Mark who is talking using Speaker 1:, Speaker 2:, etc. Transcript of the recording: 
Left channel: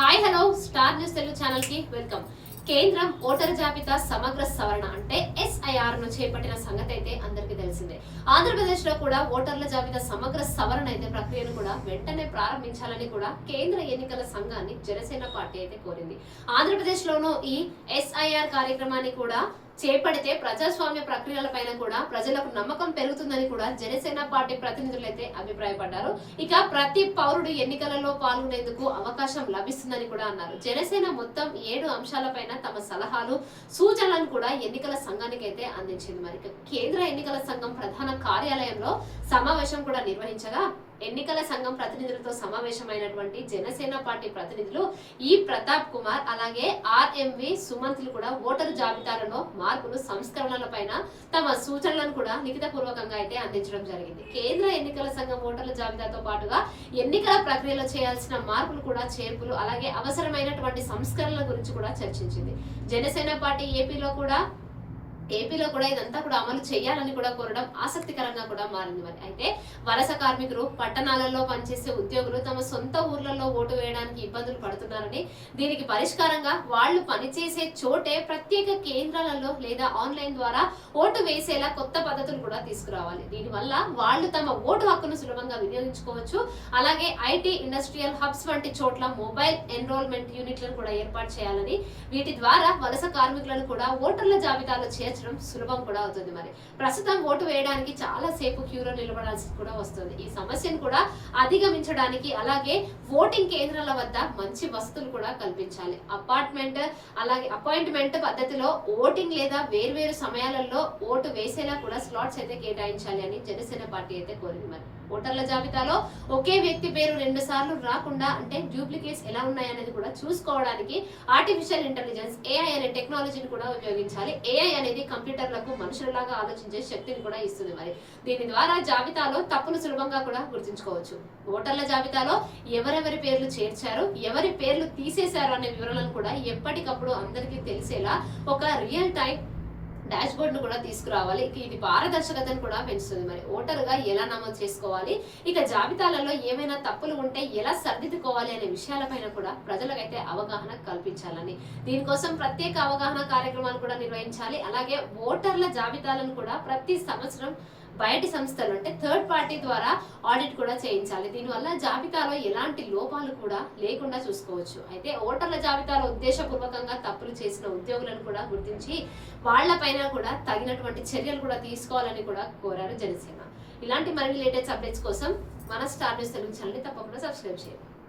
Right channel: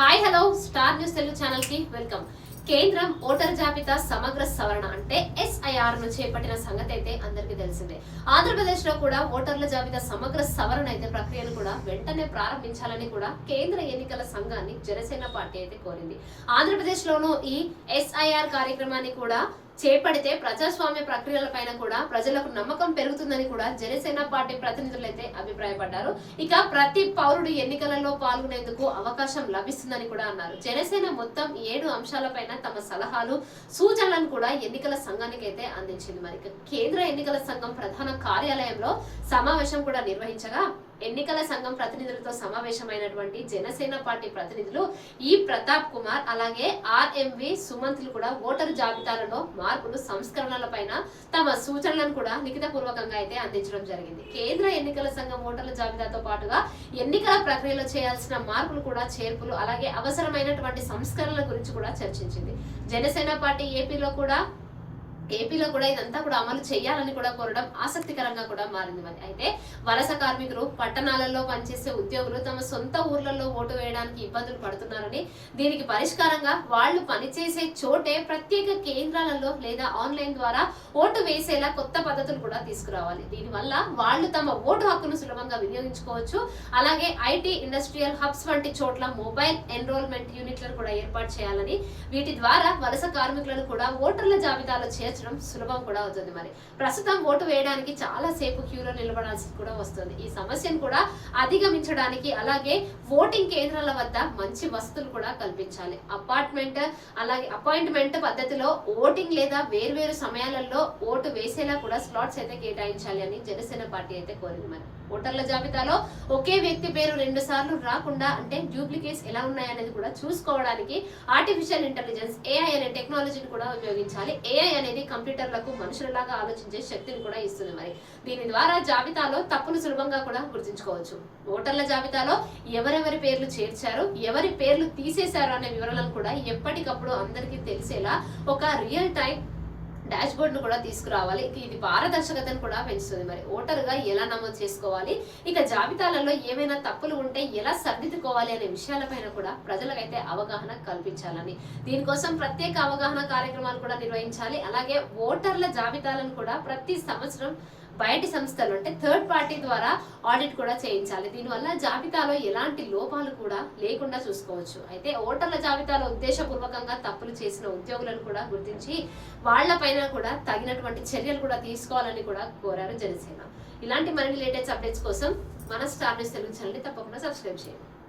Speaker 1: Hi hello star news Telugu ఛానల్కి welcome కేంద్రం voter జాబితా సమగ్ర సవరణ అంటే ఎస్ఐఆర్ను చేపట్టిన సంగతి అయితే అందరికీ తెలిసిందే. ఆంధ్రప్రదేశ్లో కూడా ఓటర్ల జాబితా సమగ్ర సవరణ అయితే ప్రక్రియను కూడా వెంటనే ప్రారంభించాలని కూడా కేంద్ర ఎన్నికల సంఘాన్ని జనసేన పార్టీ అయితే కోరింది. ఆంధ్రప్రదేశ్ లోనూ ఈ ఎస్ఐఆర్ కార్యక్రమాన్ని కూడా చేపడితే ప్రజాస్వామ్య ప్రక్రియలపైన కూడా ప్రజలకు నమ్మకం పెరుగుతుందని కూడా జనసేన పార్టీ ప్రతినిధులు అయితే అభిప్రాయపడ్డారు. ఇక ప్రతి పౌరుడు ఎన్నికలలో పాల్గొనేందుకు అవకాశం లభిస్తుందని కూడా అన్నారు. జనసేన మొత్తం ఏడు అంశాలపైన తమ సలహాలు సూచనలను కూడా ఎన్నికల సంఘానికి అయితే అందించింది. మరి కేంద్ర ఎన్నికల సంఘం ప్రధాన కార్యాలయంలో సమావేశం కూడా నిర్వహించగా ఎన్నికల సంఘం ప్రతినిధులతో సమావేశమైనటువంటి జనసేన పార్టీ ప్రతినిధులు ఈ ప్రతాప్ కుమార్ అలాగే ఆర్ఎంవి సుమంత్లు కూడా ఓటరు జాబితాలలో మార్పులు సంస్కరణలపైన తమ సూచనలను కూడా లిఖిత అయితే అందించడం జరిగింది. కేంద్ర ఎన్నికల సంఘం ఓటర్ల జాబితాతో పాటుగా ఎన్నికల ప్రక్రియలో చేయాల్సిన మార్పులు కూడా చేర్పులు అలాగే అవసరమైనటువంటి సంస్కరణల గురించి కూడా చర్చించింది. జనసేన పార్టీ ఏపీలో కూడా ఏపీలో కూడా ఇదంతా కూడా అమలు చేయాలని కూడా కోరడం ఆసక్తికరంగా కూడా మారింది మరి. అయితే వలస కార్మికులు పట్టణాలలో పనిచేసే ఉద్యోగులు తమ సొంత ఊర్లలో ఓటు వేయడానికి ఇబ్బందులు పడుతున్నారని దీనికి పరిష్కారంగా వాళ్ళు పనిచేసే చోటే ప్రత్యేక కేంద్రాలలో లేదా ఆన్లైన్ ద్వారా ఓటు వేసేలా కొత్త పద్ధతులు కూడా తీసుకురావాలి. దీనివల్ల వాళ్ళు తమ ఓటు హక్కును సులభంగా వినియోగించుకోవచ్చు. అలాగే ఐటీ ఇండస్ట్రియల్ హబ్స్ వంటి చోట్ల మొబైల్ ఎన్రోల్మెంట్ యూనిట్లను కూడా ఏర్పాటు చేయాలని వీటి ద్వారా వలస కార్మికులను కూడా ఓటర్ల జాబితాలో చేర్చడం సులభం కూడా అవుతుంది మరి. ప్రస్తుతం ఓటు వేయడానికి చాలా సేపు క్యూలో నిలబడాల్సి కూడా వస్తుంది. ఈ సమస్యను కూడా అధిగమించడానికి అలాగే ఓటింగ్ కేంద్రాల వద్ద మంచి వసతులు కూడా కల్పించాలి. అపార్ట్మెంట్ అలాగే అపాయింట్మెంట్ పద్ధతిలో ఓటింగ్ లేదా వేర్వేరు సమయాలలో ఓటు వేసేలా కూడా స్లాట్స్ అయితే కేటాయించాలి అని జనసేన పార్టీ అయితే కోరింది మరి. ఓటర్ల జాబితాలో ఒకే వ్యక్తి పేరు రెండు సార్లు రాకుండా అంటే డూప్లికేట్స్ ఎలా ఉన్నాయనేది కూడా చూసుకోవడానికి ఆర్టిఫిషియల్ ఇంటెలిజెన్స్ ఏఐ టెక్నాలజీని కూడా ఉపయోగించాలి. ఏఐ అనేది కంప్యూటర్లకు మనుషులలాగా ఆలోచించే శక్తిని కూడా ఇస్తుంది మరి. దీని ద్వారా జాబితాలో తప్పులు సులభంగా కూడా గుర్తుంచుకోవచ్చు. ఓటర్ల జాబితాలో ఎవరెవరి పేర్లు చేర్చారు ఎవరి పేర్లు తీసేశారు అనే వివరాలను కూడా ఎప్పటికప్పుడు అందరికీ తెలిసేలా ఒక రియల్ టైం డాష్ బోర్డ్ను కూడా తీసుకురావాలి. ఇది పారదర్శకతను కూడా పెంచుతుంది. మరి ఓటరుగా ఎలా నమోదు చేసుకోవాలి? ఇక జాబితాలలో ఏమైనా తప్పులు ఉంటే ఎలా సర్దిద్దుకోవాలి అనే విషయాలపైన కూడా ప్రజలకైతే అవగాహన కల్పించాలని. దీనికోసం ప్రత్యేక అవగాహన కార్యక్రమాలు కూడా నిర్వహించాలి. అలాగే ఓటర్ల జాబితాలను కూడా ప్రతి సంవత్సరం బయటి సంస్థలు అంటే థర్డ్ పార్టీ ద్వారా ఆడిట్ కూడా చేయించాలి. దీనివల్ల జాబితాలో ఎలాంటి లోపాలు కూడా లేకుండా చూసుకోవచ్చు. అయితే ఓటర్ల జాబితాలో ఉద్దేశపూర్వకంగా తప్పులు చేసిన ఉద్యోగులను కూడా గుర్తించి వాళ్ళపైన కూడా తగినటువంటి చర్యలు కూడా తీసుకోవాలని కూడా కోరారు జనసేన. ఇలాంటి మరిన్ని లేటెస్ట్ అప్డేట్స్ కోసం మన స్టార్ న్యూస్ తెలుగు ఛానల్ని తప్పకుండా సబ్స్క్రైబ్ చేయండి.